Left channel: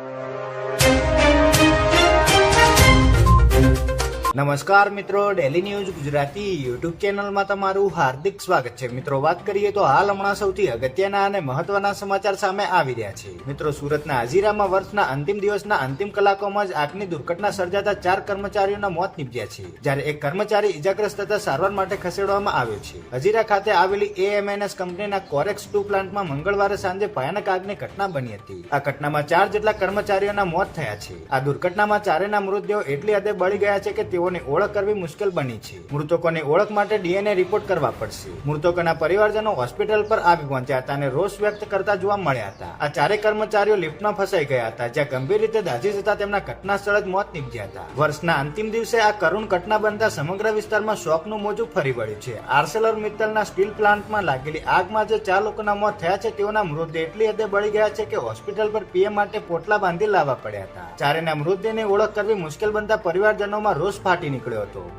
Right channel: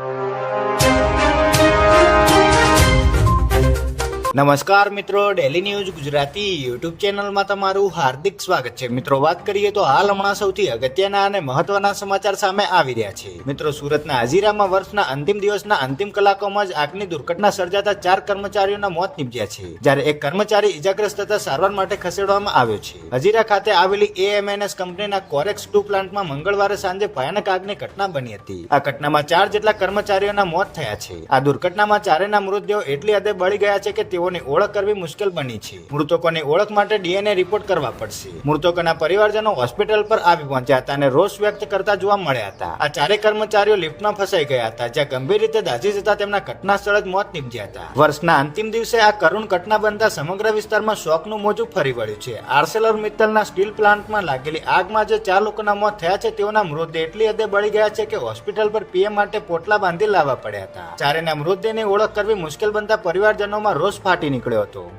you. નમસ્કાર મિત્રો daily news Gujarati YouTube ચેનલમાં તમારું હાર્દિક સ્વાગત છે. મિત્રો, વાત કરીએ તો હાલ હમણાં સૌથી અગત્યના અને મહત્વના સમાચાર સામે આવી રહ્યા છે. મિત્રો, સુરતના હાજીરામાં વર્ષના અંતિમ દિવસના અંતિમ કલાકોમાં જ આગની દુર્ઘટના સર્જાતા ચાર કર્મચારીઓના મોત નીપજ્યા છે, જ્યારે એક કર્મચારી ઇજાગ્રસ્ત થતા સારવાર માટે ખસેડવામાં આવ્યો છે. હજીરા ખાતે આવેલી એએમએનએસ કંપનીના કોરેક્સ ટુ પ્લાન્ટમાં મંગળવારે સાંજે ભયાનક આગની ઘટના બની હતી. આ ઘટનામાં ચાર જેટલા કર્મચારીઓના મોત થયા છે. આ દુર્ઘટનામાં ચારેના મૃતદેહો એટલી હદે બળી ગયા છે કે તેઓની ઓળખ કરવી મુશ્કેલ બની છે. મૃતકોની ઓળખ માટે ડીએનએ રિપોર્ટ કરવા પડશે. મૃતકોના પરિવારજનો હોસ્પિટલ પર આવી પહોંચ્યા હતા અને રોષ વ્યક્ત કરતા જોવા મળ્યા હતા. આ ચારે કર્મચારીઓ લિફ્ટમાં ફસાઈ ગયા હતા, જ્યાં ગંભીર રીતે દાઝી જતા તેમના ઘટના સ્થળે જ મોત નીપજ્યા હતા. વર્ષના અંતિમ દિવસે આ કરુણ ઘટના બનતા સમગ્ર વિસ્તારમાં શોકનું મોજું ફરી વળ્યું છે. આર્સેલર મિત્તલના સ્ટીલ પ્લાન્ટમાં લાગેલી આગમાં જે ચાર લોકોના મોત થયા છે, તેઓના મૃતદેહ એટલી હદે બળી ગયા છે કે હોસ્પિટલ પર પીએમ માટે પોટલા બાંધી લાવવા પડ્યા હતા. ચારેના મૃતદેહની ઓળખ કરવી મુશ્કેલ બનતા પરિવારજનોમાં રોષ ફાટી નીકળ્યો હતો.